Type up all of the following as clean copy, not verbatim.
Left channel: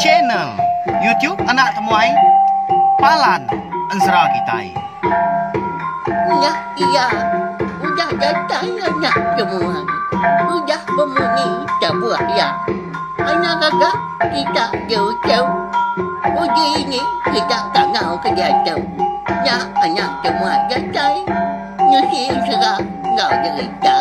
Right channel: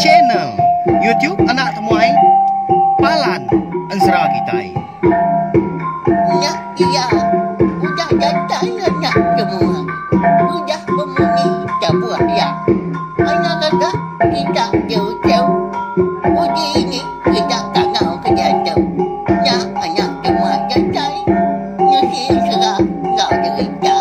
channel YouTube Anak Temuai Palan Ensra Kitai. Ya, iya, udah datang anak semua. Udah memenuhi sebuah ya. Anak kakak kita jauh-jauh. Uji ini kita tak mau kerja jauh. Ya, anak semua datang. Nyusi serah nggak cerita.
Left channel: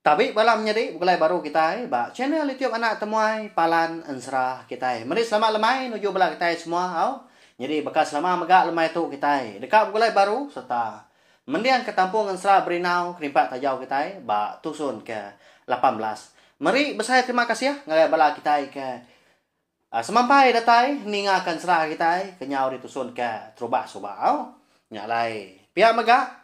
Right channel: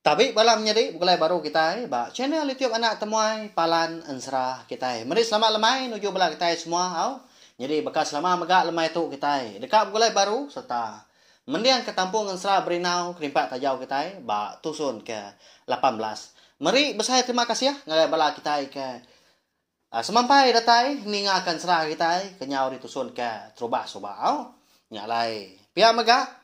Tapi malam jadi bukan baru kita ba channel YouTube Anak Temuai Palan Ensra kita. Mari selamat lemai nuju bala kita semua au. Jadi bekas lama megak lemai tu kita. Dekat bukan baru serta mendiang ke Tampung Ensra Berinau kerimpat tajau kita ba tusun ke 18. Mari besar terima kasih ya ngai bala kita ke semampai datai ningakan serah kita kenyau ditusun ke Trubah Subah au. Nyalai. Pihak megak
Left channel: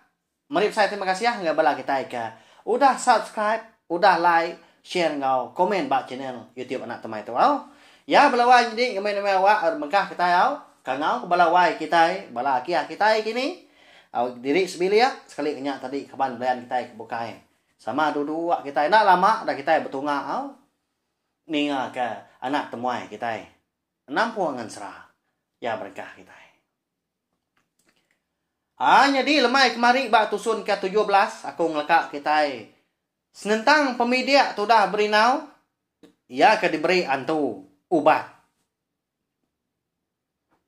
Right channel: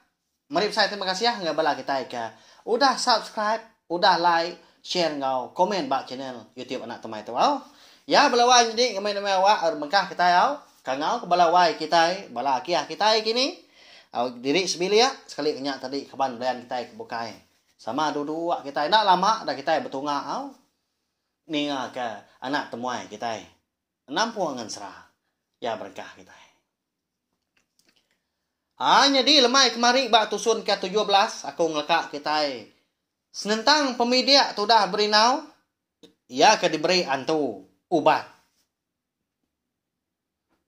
mari besar terima kasih ya ngai bala kita ke udah subscribe, udah like, share ngau, komen bak channel YouTube Anak Temuai tu au. Ya belawai jadi ngemai-ngemai wa mengkah kita au. Kangau ke belawai kita, bala kiah kita kini. Au diri sebilia sekali kenyak tadi kaban belayan kita kebukai. Sama dua kita nak lama dah kita betunga au. Ninga ke Anak Temuai kita. Nampung Ensra. Ya berkah kita. Jadi lemai kemari bak tusun ke 17 aku ngelekak kita. Senentang pemidia tu dah berinau. Ya ke diberi antu ubat.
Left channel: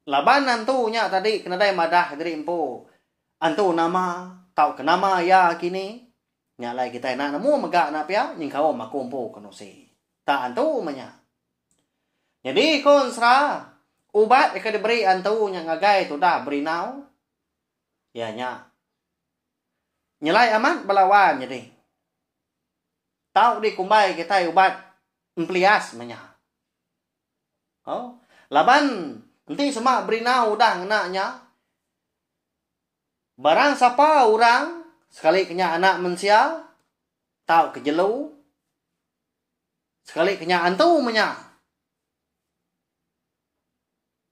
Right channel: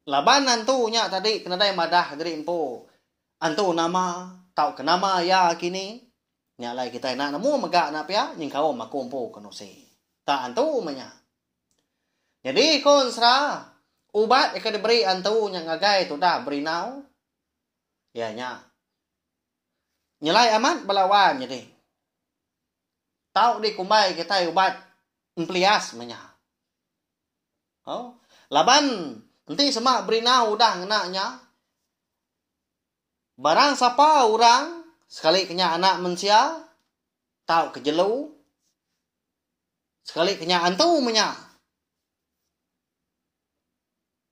Laban antunya tadi kena dai madah diri empu. Antu nama tau ke nama ya kini. Nyalai kita nak nemu megak nak pia nying kau makumpu kenusi. Tak antu manya. Jadi kon sra ubat ke diberi antu yang ngagai tu dah berinau. Ya nya. Nyelai amat belawan jadi. Tahu di kumbai kita ubat emplias menya. Oh, laban nanti semak berinau udah ngenaknya. Barang siapa orang sekali kenya anak mensia tahu kejelu. Sekali kenya antu menya.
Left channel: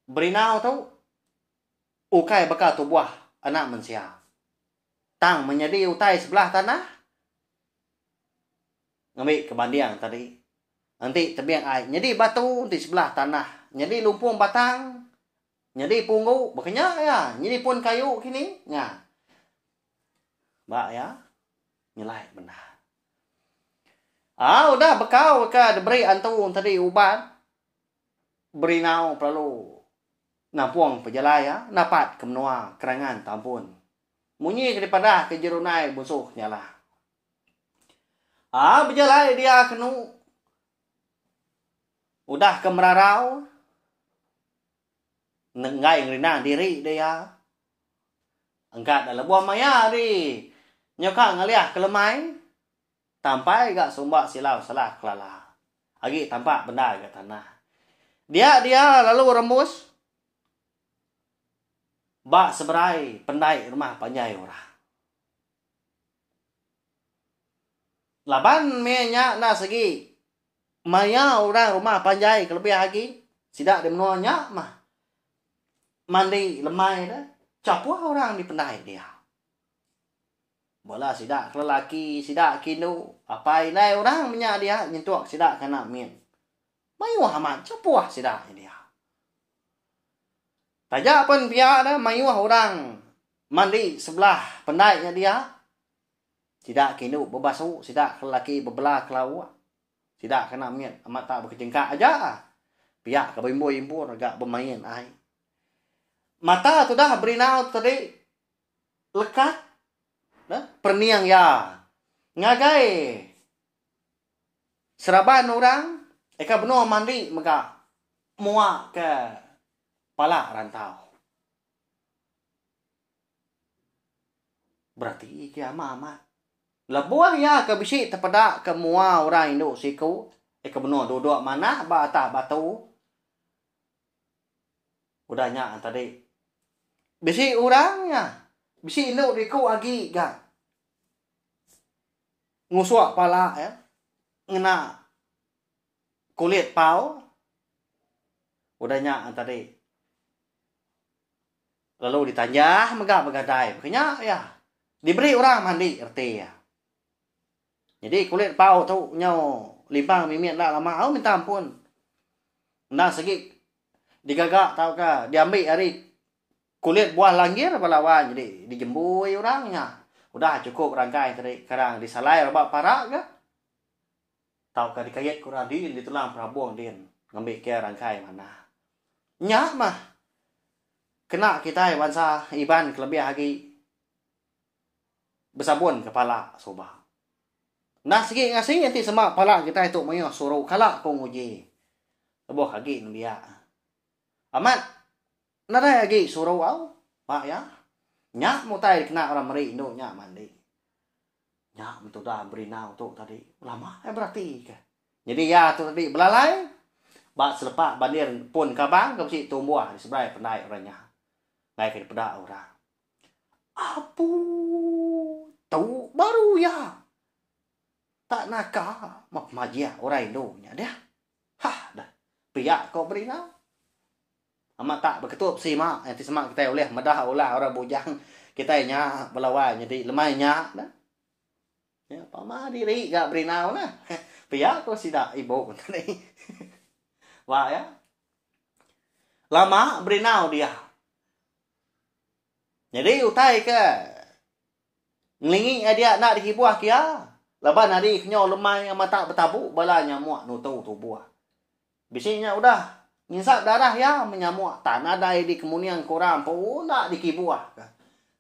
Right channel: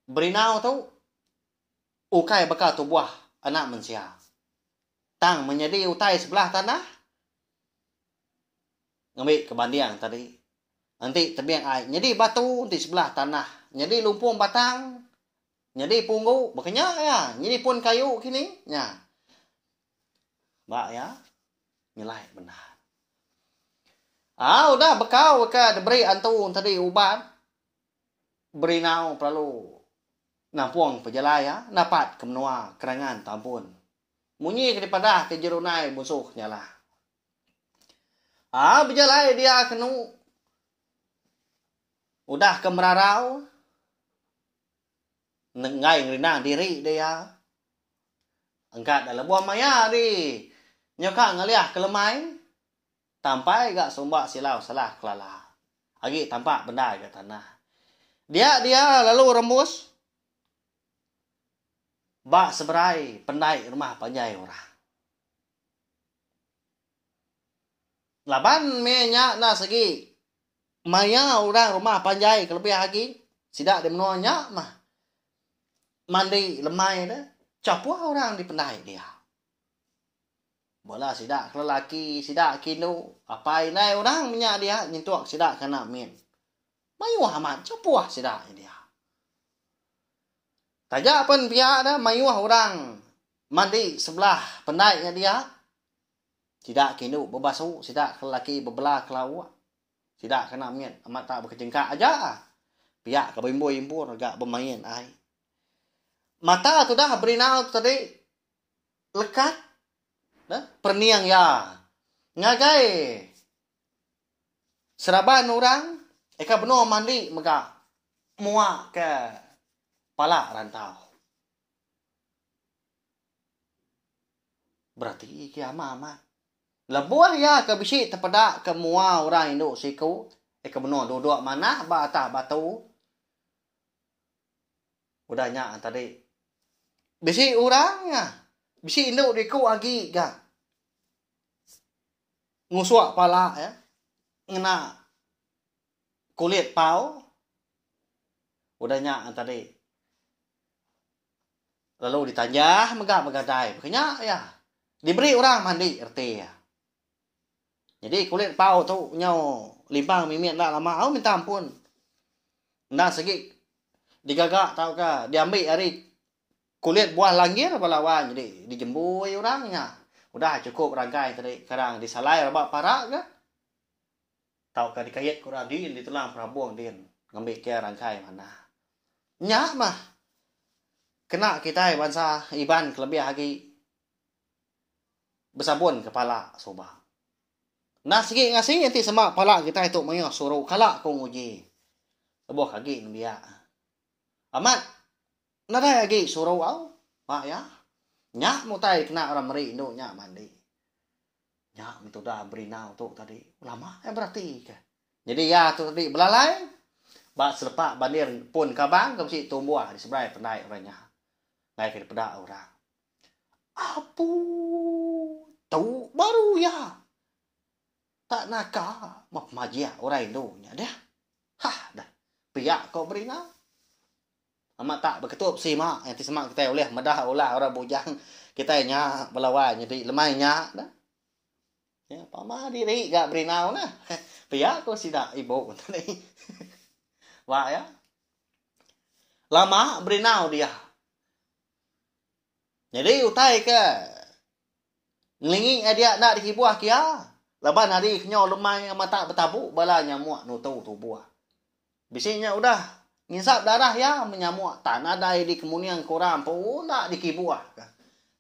Berinau tu ukai bakal tubuh anak mensia. Tang menjadi utai sebelah tanah. Ngambil kebandiang tadi. Nanti tebiang air. Jadi batu di sebelah tanah. Jadi lumpung batang. Jadi punggu. Makanya ya. Jadi pun kayu kini. Ya. Mbak ya. Nilai benar. Udah bekau ke diberi antu tadi ubat. Berinau perlu nampung pejalaya, napat kemenua kerangan tampun. Munyi daripada ke jerunai musuh nyala. Berjalai dia kenu. Udah ke merarau. Nengai ngerinang diri dia. Angkat dalam buah maya di. Nyoka ngaliah kelemai. Tampai gak sumbak silau salah kelala. Agi tampak benda ke tanah. Dia lalu rembus. Bak seberai pendai rumah panjai orang. Laban menya na segi. Maya orang rumah panjai kelebih lagi. Sidak di menuanya mah. Mandi lemai dah. Capua orang di pendai dia. Bola sidak lelaki, sidak kinu. Apa ini orang menya dia nyentuak sidak kena min. Mayu amat capua sidak dia. Tajak pun pihak dah mayuah orang mandi sebelah pendainya dia. Tidak kinu berbasuh, tidak lelaki berbelah kelawak. Tidak kena mian, amat tak berkecengkak aja. Pihak ke bimbo-imbo agak bermain ai. Mata tu dah berinau tadi lekat. Dah perniang ya. Ngagai seraban orang eka benar mandi megak muak ke pala rantau. Berarti kiamat amat. Lebuah ya ke bisi terpedak ke mua orang Indo siku. Ke benar duduk mana bata batu. Udahnya tadi. Bisi orangnya. Bisi Indo diku lagi gak. Ngusuak pala ya. Ngena kulit pau. Udahnya tadi. Lalu ditanjah megah megadai. Makanya ya diberi orang mandi RT ya. Jadi kulit pau tu nyau limbang mimian lah lama au minta ampun. Nah segi digagak tau ka diambil hari kulit buah langgir balawan jadi dijembui orangnya. Udah cukup rangkai tadi sekarang disalai rabak parak ke. Tau ka dikayat kurang di tulang prabuang din ngambil ke rangkai mana. Nyak mah kena kita bangsa iban kelebih lagi bersabun kepala soba. Nah segi ngasih nanti semak pala kita itu mayo suruh kalak kong uji. Sebuah kaki dia. Amat nada lagi suruh au. Mak ya. Nyak mutai kena orang meri no nyak mandi. Nyak itu dah beri nau tu tadi. Lama berarti ke. Jadi ya tu tadi belalai. Bak selepak bandir pun kabang ke si tumbuh di sebelah pendai orangnya. Ngai ke pedak orang. Apu tu baru ya. Tak nakah mak majia orang Indo nya dah. Hah dah. Piak kau beri nau. Amat tak berketup si mak yang semak kita oleh madah olah orang bujang kita nya belawan jadi lemahnya dah. Ya pama diri gak beri nau nah. Piak kau sida ibu tadi. Wah ya. Lama beri nau dia. Jadi utai ke ngelingi dia nak dikibuah kia. Laban hari kenyo lemai mata bertabuk bala nyamuk nutu tubuh. Bisinya udah ngisap darah ya menyamuk tak ada di kemunian korang pun nak dikibuah.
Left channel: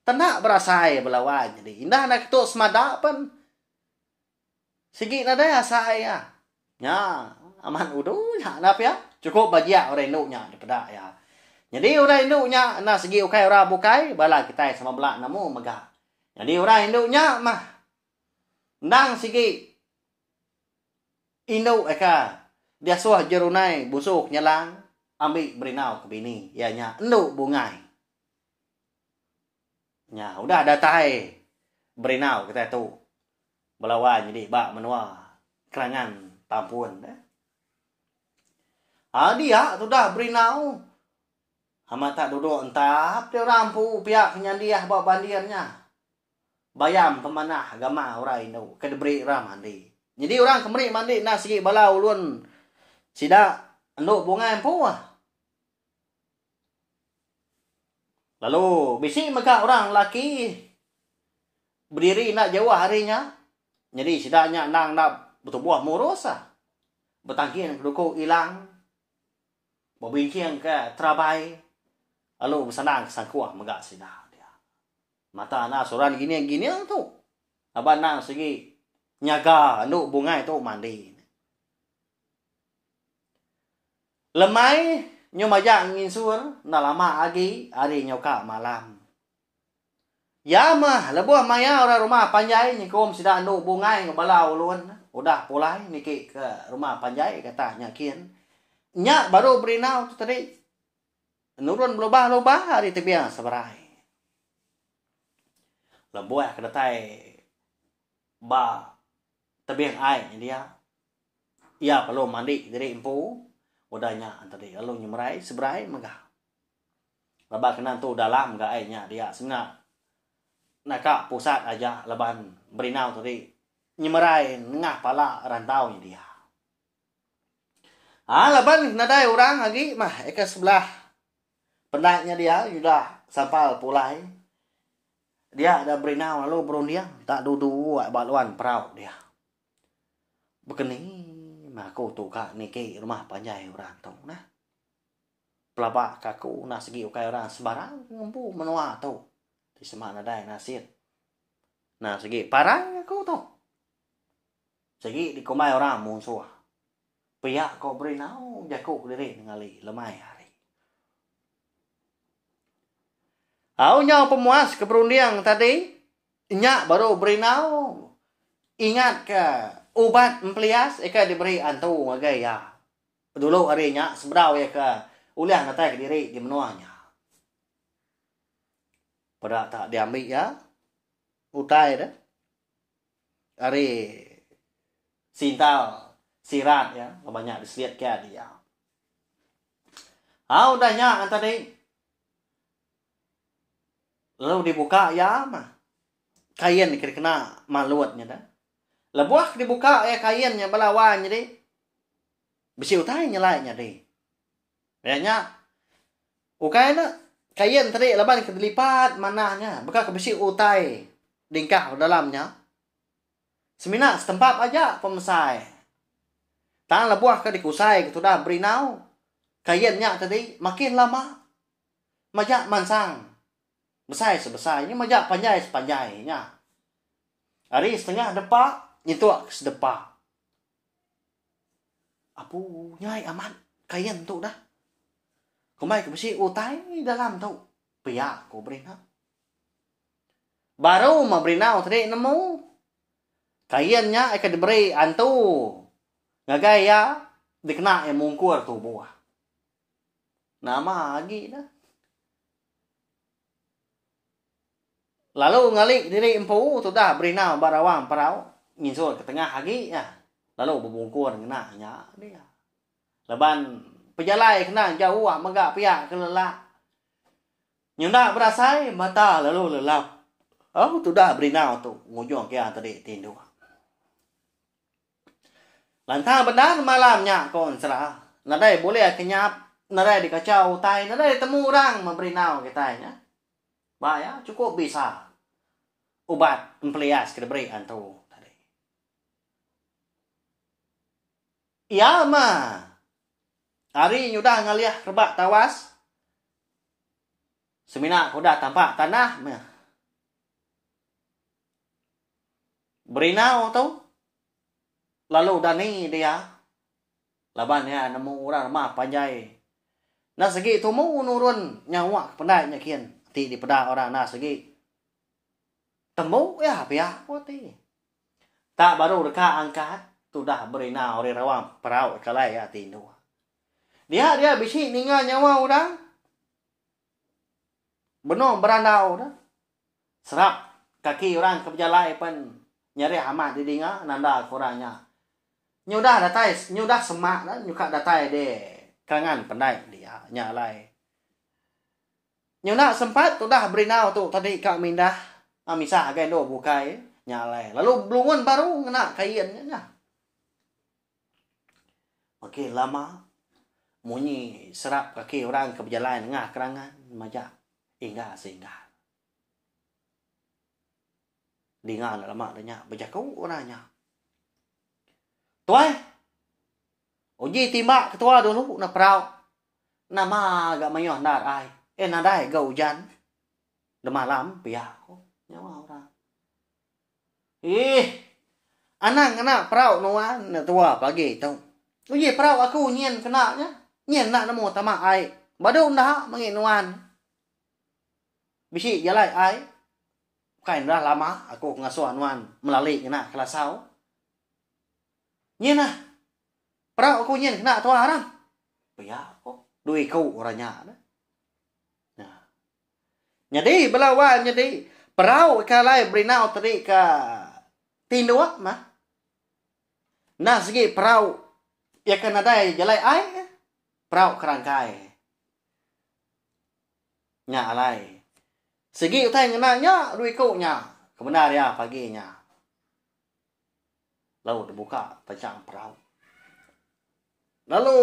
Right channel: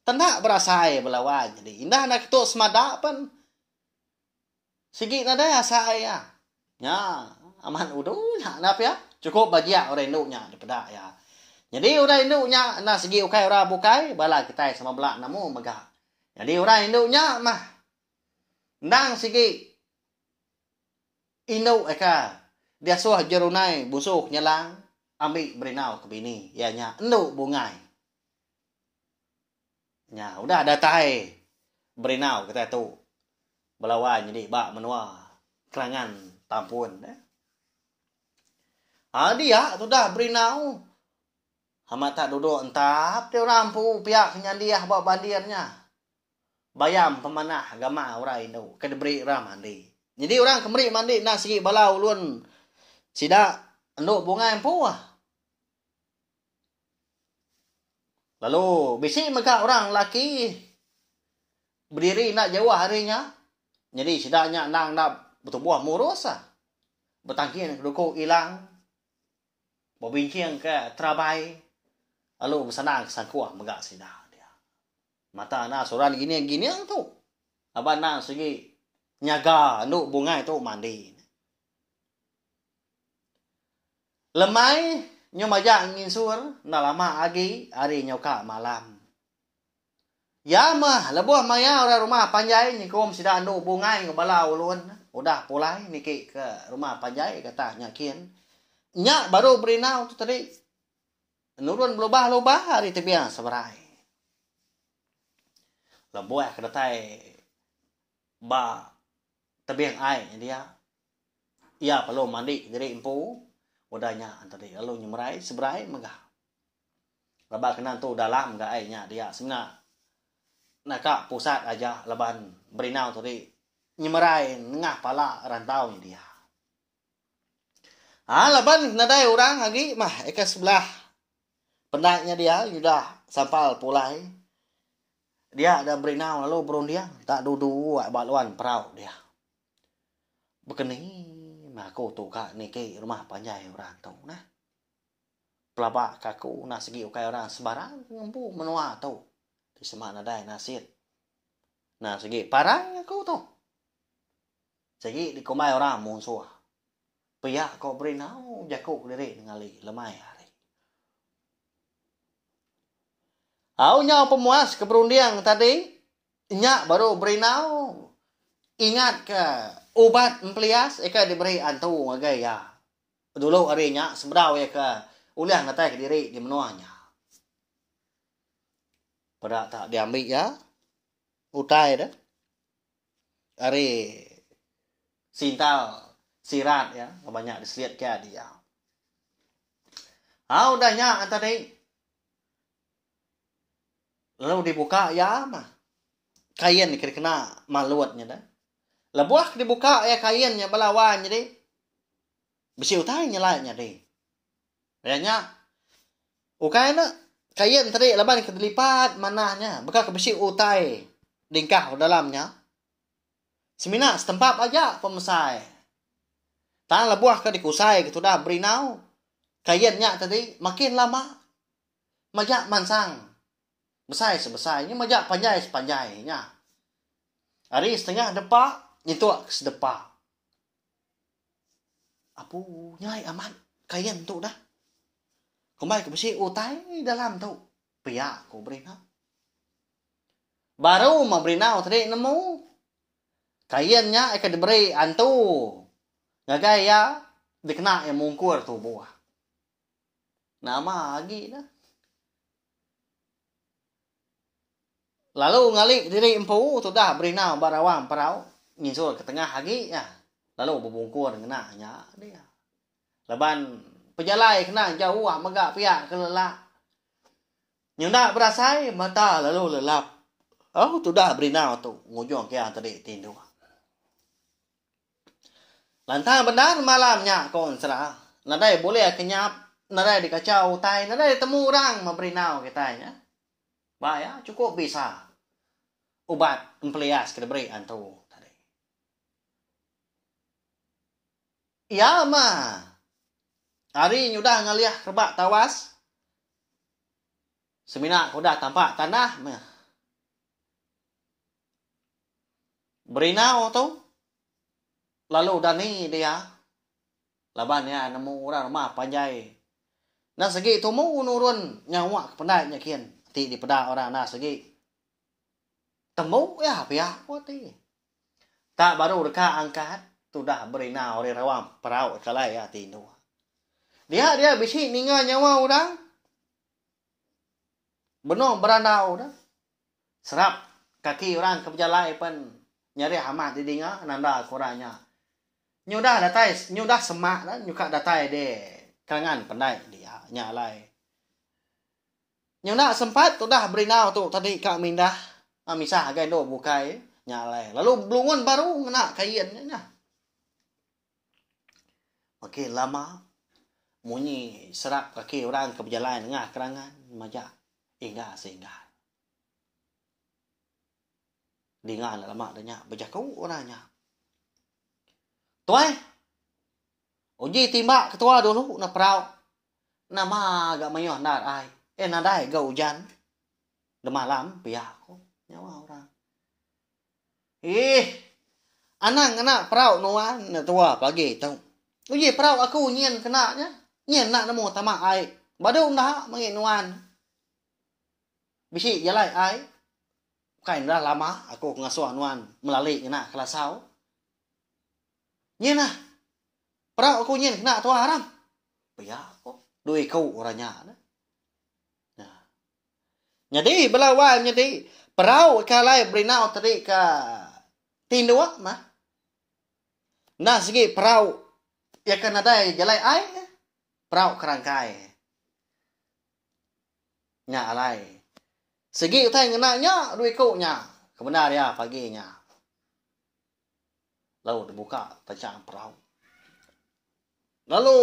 Tenak berasai belawan jadi indah nak ketuk semada pun. Segi nada asai ya. Ya aman udu ya nap ya. Cukup bagia orang induknya daripada ya. Jadi orang induknya nak segi ukai orang bukai bala kita sama belak namu megah. Jadi orang induknya mah nang sigi induk eka dia suah jerunai busuk nyelang ambil berinau ke bini ya nya enduk bungai nya udah ada tai berinau kita tu belawan jadi bak menua kerangan tampun dia tu dah berinau amat tak duduk entap dia rampu pihak nyandiah bawa bandirnya bayam pemanah agama orang Indo ke diberi orang mandi. Jadi orang kemeri mandi nasi balau ulun sida enduk bunga empu. Lalu bisi megah orang laki berdiri nak jawah harinya. Jadi sidanya nang nak bertubuh murus bertangkin dukuk hilang. Berbincang ke terabai. Lalu bersenang sangkuah megah sida. Mata na soran gini tu. Abang nang segi nyaga nduk bunga itu mandi. Lemai nyo majak ngin sur na lama agi hari nyoka malam. Ya mah lebuh maya orang rumah panjai nyikom sida nduk bunga ngebalau ulun. Udah pulai niki ke rumah panjai kata nyakin. Nya baru berinau tu tadi. Nurun lobah-lobah hari tebiang seberai. Lebuah kedatai ba tebiang ai dia ya perlu mandi jadi empu udahnya tadi lalu nyemrai seberai megah lebar kenan tu dalam enggak ainya dia sengat nak pusat aja leban berinau tadi nyemrai ngah pala rantau dia leban nadai orang lagi mah eka sebelah pendaknya dia sudah sampal pulai. Dia ada berinau lalu berundiang tak dudu baluan perau dia. Begini mah aku tu kak niki rumah panjai orang tu nah. Pelabak kaku nak segi ukai orang sebarang ngempu menua tu. Di semana dai nasit. Nah segi parang aku tu. Segi di komai orang musuh. Pihak kau berinau jakuk lirik ngali lemai hari. Aunya pemuas keberundiang tadi, nyak baru berinau. Ingat ke obat empelias, eka diberi antu ngagai ya. Dulu hari nyak seberau ya ke ulah ngatai ke diri di menuanya. Pada tak diambil ya, utai dah. Hari sintal sirat ya, banyak diseliat ke dia. Udah nyak tadi. Lalu dibuka ya mah. Kain kira kena maluatnya dah. Lebuah dibuka ya kainnya balawan jadi. Besi utai nyelai jadi. Kayaknya ukainya kain tadi laban kedelipat manahnya. Bekas ke besi utai dingkah ke dalamnya. Semina setempat aja pemesai. Tang lebuah ke dikusai gitu dah berinau. Kainnya tadi makin lama. Majak mansang. Besai sebesainya majak panjai sepanjainya. Hari setengah depak. Itu sedepak. Apu nyai aman. Kain tu dah. Kembali ke besi utai dalam tu. Pihak ko berinau. Baru mau berinau tadi nemu. Kainnya akan diberi antu. Ngagaya. Dikena yang mungkur tu buah. Nama lagi dah. Lalu ngalik diri empu tu dah berinau barawang parau. Nginsul ke tengah lagi ya. Lalu berbungkur kena nya dia. Leban pejalai kena jauh megak pihak kelelak. Nyunda berasai mata lalu lelap. Oh tu dah berinau tu ngujung kia tadi tindu. Lantang benar malamnya kon serah. Nadai boleh kenyap, nadai dikacau tai, nadai temu orang memberinau kitanya. Bahaya cukup bisa. Ubat empelias kita beri antu. Ya mah. Hari nyudah ngaliah rebak tawas. Semina kuda tampak tanah mah. Berinau tu. Lalu dani dia. Laban ya nemu orang mah panjai. Nah segi tu mu nurun nyawa pendai nyakian. Ti di peda orang nah segi. Temu ya pihak poti. Tak baru dekat angkat. Sudah berinau di rawang peraut kalai ya tindu. Dia bisi ninga nyawa orang. Benar berandau dah. Serap kaki orang ke berjalai pun nyari amat di dinga nanda kurangnya. Nyudah datai, nyudah semak dah, nyuka datai de kangan pandai dia nyalai. Nyudah sempat sudah berinau tu tadi kak mindah amisah gendo bukai nyalai. Lalu belungun baru kena kainnya. Makin lama munyi serap kaki orang ke berjalan tengah kerangan majak hingga sehingga dengar lama adanya berjakau orangnya tuai uji timbak ketua dulu na perau nama agak mayoh nar ai nadai ga hujan de malam pihak nyawa orang anak perau nuan na tua pagi tau uji perau aku nyen kenanya nyen nak nemu tama ai badu nah menginuan bisi jalai ai kain dah lama aku ngasuh anuan melalui kena kelasau nyen nah perau aku nyen kena tua haram ya kok duit kau orangnya nah jadi belawan jadi perau kalai berinau tadi ke tindua mah nah segi perau ya kan ada jalai ai perau kerangkai nya alai segi utai ngenanya duit kau nya kebenar ya paginya lalu dibuka pencang perau lalu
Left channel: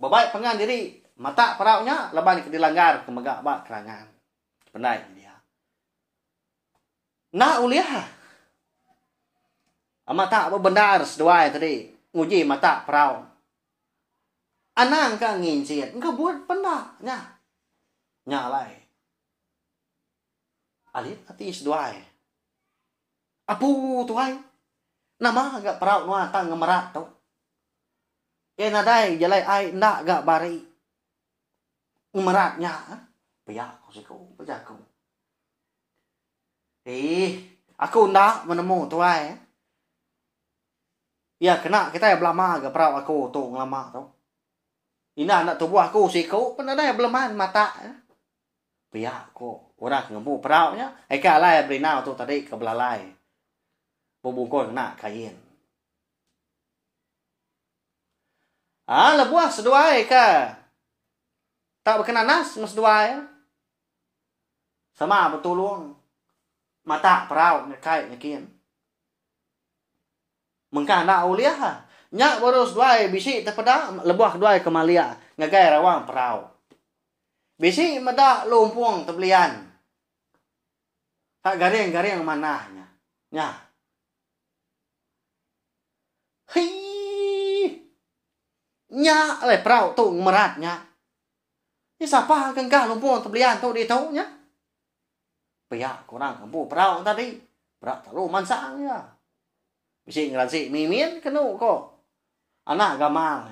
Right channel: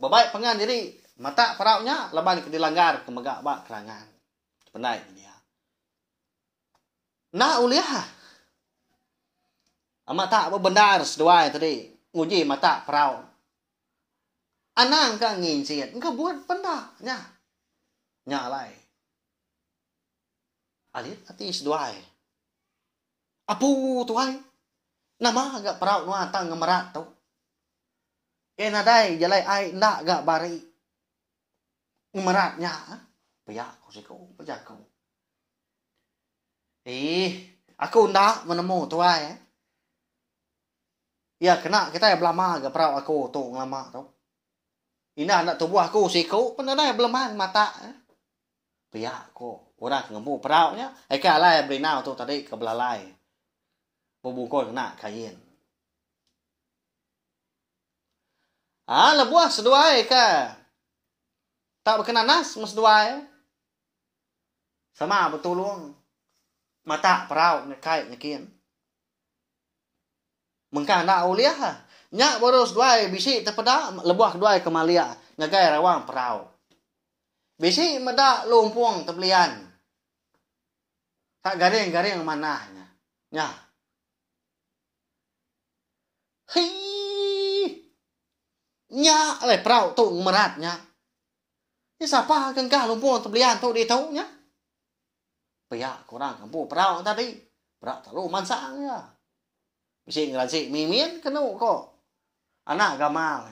babai pengan diri mata peraunya leban ke dilanggar ke megak bak kerangan pendai dia nah uliah amata benar seduai tadi nguji mata perau. Anang ka nginsit. Engkau buat pernah. Nyalai. Alit hati seduai. Apu tuai. Nama agak perau nuan tang ngemerat tu. Nadai jalai ai ndak agak bari. Ngemeratnya. Paya kau siku. Paya kau. Aku ndak menemu tuai. Ya kena kita ya belama agak perau aku tu lama tu. Ina anak tubuh aku siku penada belaman mata. Pihak aku orang ngembu peraunya. Eka lah berinau tu tadi ke belalai. Bubungkol kena kain. Lebuah seduai ka. Tak berkenan nas mas seduai. Sama betul luang. Mata perau ngekait nyakin. Mengkah nak uliah ha. Nyak boros duai bisi terpedak lebuah duai ke Malia ngagai rawang perau. Bisi medak lumpuang terbelian. Tak garing-garing manahnya. Nya. Hei. Nya le perau tu meratnya. Ni siapa kengkah lumpuang terbelian tu di tu nya. Pihak kurang kampung perau tadi. Perau terlalu mansang ya. Bisi ngeransi mimin kenu kok. Anak gamal.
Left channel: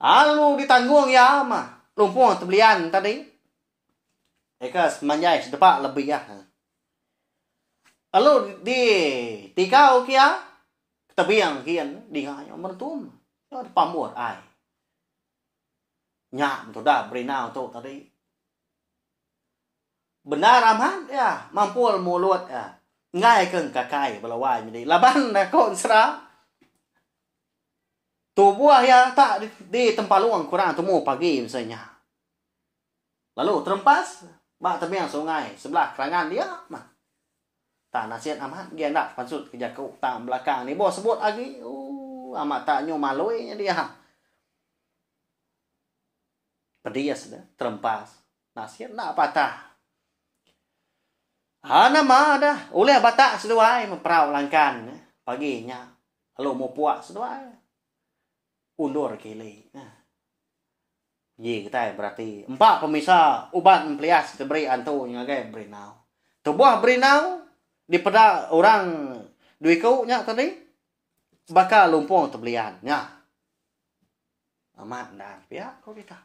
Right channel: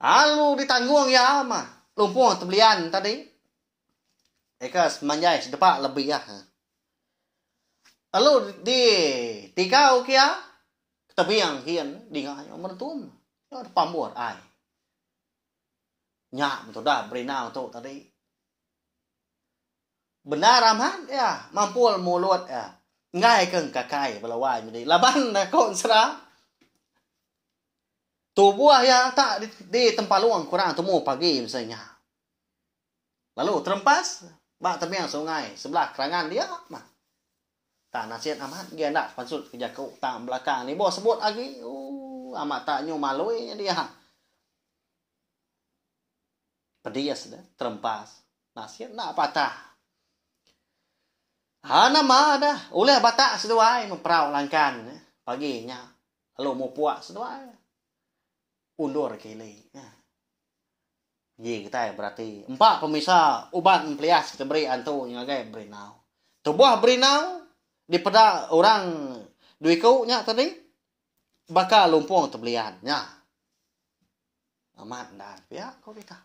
Lalu ditanggung ya mah. Lumpuang terbelian tadi. Eka semanjai sedepak lebih ya. Lalu di tikau kia. Ketebiang kian. Di nganya merentum. Pamuat ai. Nyak betul dah berinau tu tadi. Benar amat ya. Mampul mulut ya. Ngai keng kakai belawai menjadi. Laban dah konsra. Tu buah ya tak di tempat luang kurang temu pagi misalnya. Lalu terempas, bak terbiang sungai sebelah kerangan dia mah. Tak nasihat amat dia nak pansut kerja kau tak belakang ni bos sebut lagi. Amat tak nyu maloi dia. Pedias dah terempas. Nasihat nak patah. Nama dah oleh batak seduai memperau langkan paginya. Lalu mau puak seduai. Undur kili. Ye kita berarti empat pemisah ubat mempelias diberi antu yang agak berinau. Tubuh berinau di pada orang duiku nya tadi bakal lumpung terbelian nya. Amat dan pihak kau kita.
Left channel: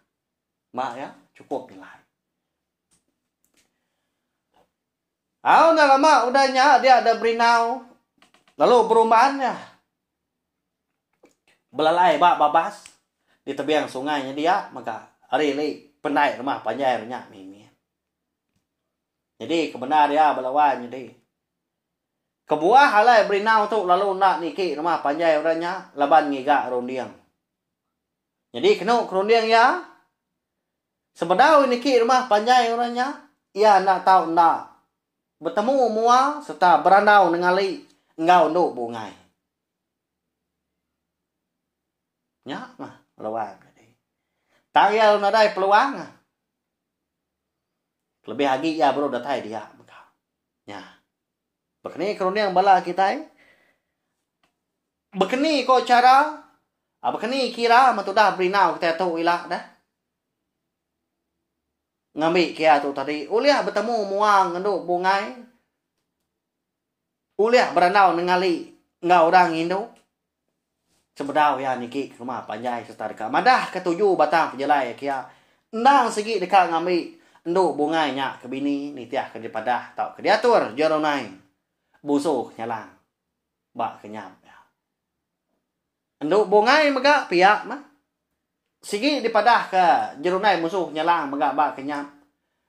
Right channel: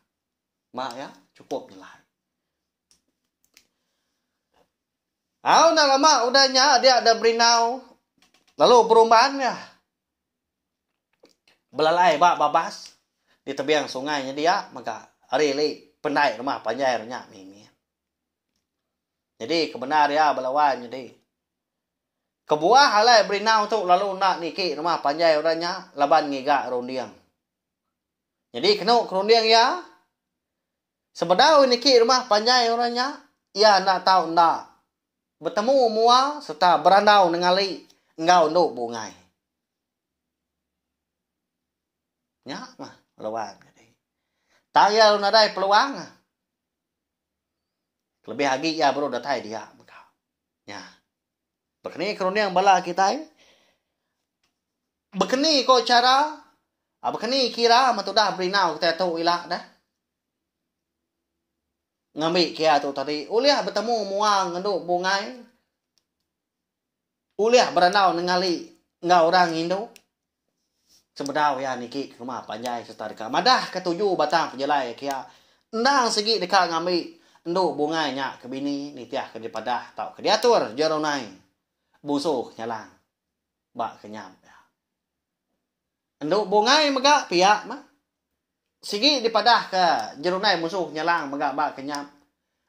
Mak ya cukup nilai. Nah lama udahnya dia ada berinau. Lalu perubahannya. Belalai bak babas di tebiang sungainya dia maka hari li pendai rumah panjai nya mimi. Jadi kebenar ya belawan jadi. Kebuah halai berinau tu lalu nak niki rumah panjai orangnya laban ngiga rondiang. Jadi kena rondiang ya. Sebedau niki rumah panjai orangnya ia nak tahu nak bertemu mua serta berandau ningali engau nduk bungai. Nya mah lawan tak ya lu nadai peluang lebih lagi ya bro datai dia nya bekeni kerana yang bala kita bekeni ko cara bekeni kira matudah berinau kita tu ilak dah ngambil kia tu tadi uliah bertemu muang nduk bungai uliah beranau ningali ngau orang Indo. Sebedau ya niki rumah panjai serta dekat madah ketujuh batang penjelai kia endang segi dekat ngambil enduk bungai nya ke bini ni tiah ke dipadah tau ke diatur joronai busuh nyalang bak kenyam ya enduk bungai megak piak mah segi dipadah ke joronai musuh nyalang megak bak kenyam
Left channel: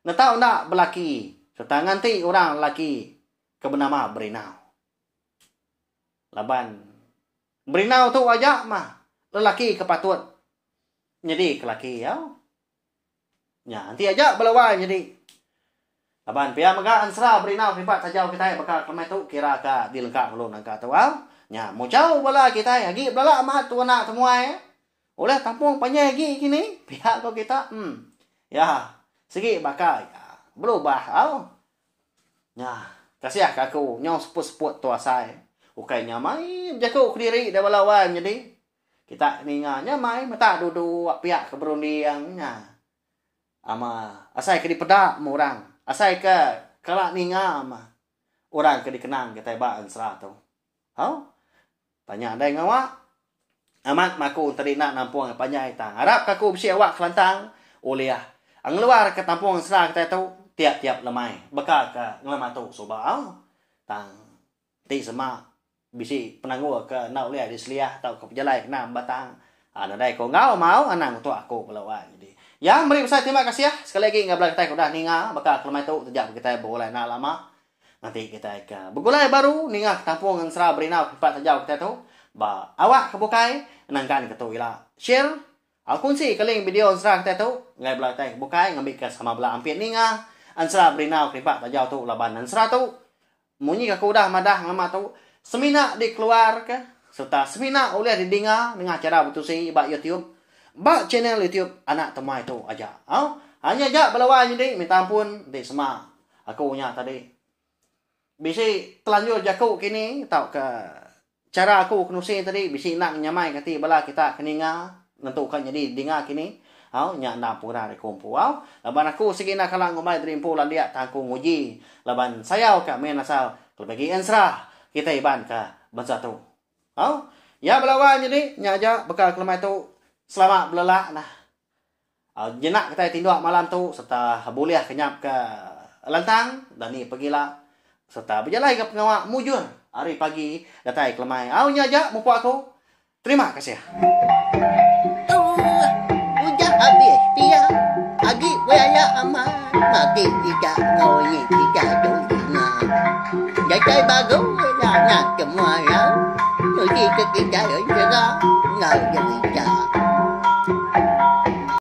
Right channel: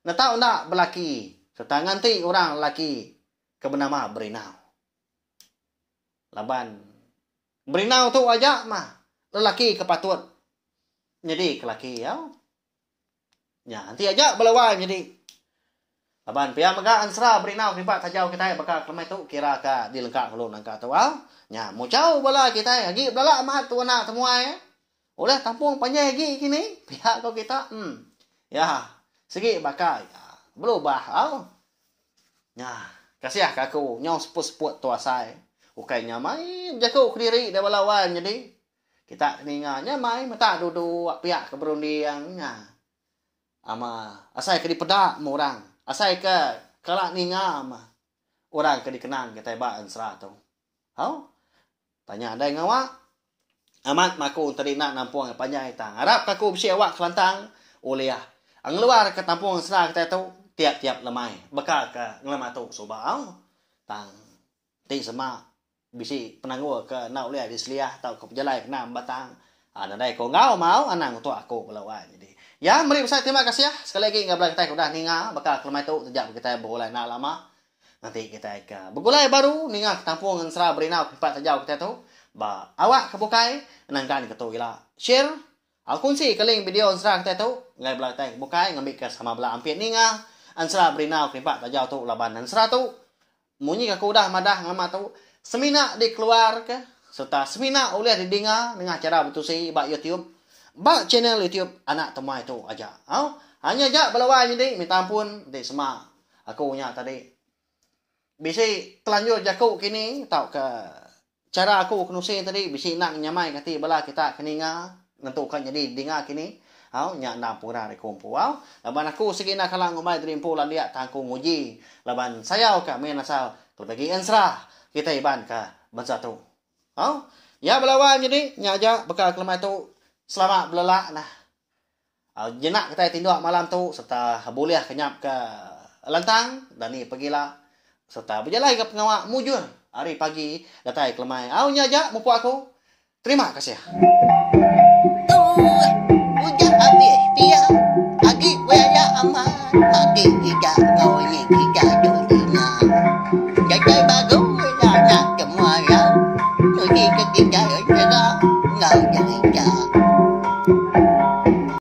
na tau nak belaki serta nganti orang lelaki ke bernama berinau laban berinau tu aja mah lelaki kepatut jadi kelaki ya. Ya nanti aja belawai jadi. Laban pia mega ansra berinau ribat tajau kita bakal kemai tu kira ka dilengkap ulun angka tu au. Nya mau jauh bala kita agi bala mah tu anak semua ya. Oleh tampung panjang lagi kini pihak kau kita. Ya segi bakal ya, berubah au. Ya kasih aku nyong seput-seput tu asai. Ukainya main jago kediri dah balawai jadi kita ninganya main mata duduk pihak keberundiangnya ama asai ke dipedak mu orang asai ke kalak ninga ama orang ke dikenang kita ba ansra tu hau tanya ada ngawa amat maku tadi nak nampung panjai tang harap kaku bisi awak kelantang uliah ang luar ke tampung ansra kita tu tiap-tiap lemai bekal ke ngelama tu sobao tang ti sama bisi penanggu ke nak uliah di seliah tau ke pejalai kena batang ada dai ko ngau mau anang tu aku belawan jadi ya mari besar terima kasih ya sekali lagi ngablang kita udah ninga bakal kelemai tu sejak kita bergulai nak lama nanti kita ke bergulai baru ninga tampung ansra berinau tempat terjauh kita tu ba awak kebukai nangkan ke tu ila share aku kunci keling video ansra kita tu ngai belah tai bukai ngambil ke sama belah ampit ninga ansra berinau tempat terjauh tu laban ansra tu munyi aku udah madah ngama tu semina dikeluar ke serta semina oleh didengar dengan cara bertusi bak YouTube, bak channel YouTube anak temuai tu aja. Hanya jak belawan jadi minta ampun di semak aku nya tadi. Bisa telanjur jaku kini tau ke cara aku kenusi tadi bisa nak nyamai kati bala kita keninga nentukan jadi dengar kini. Nya na pura de kumpu. Laban aku sikina kalang ngumai drimpu landia tangku nguji. Laban sayau ka men asal bagi ensrah kita iban ka bangsa tu. Ya belawan jadi nya aja bekal kelemai tu selamat belala nah. Jenak kita tindak malam tu serta boleh kenyap ke lantang dan ni pergilah serta berjalan ke pengawak mujur hari pagi datai kelemai. Nya aja mupu aku. Terima kasih. Habis dia agi wala aman mati tidak ngoi tidak dunia jadi bagus anak semua ya mesti kita jaga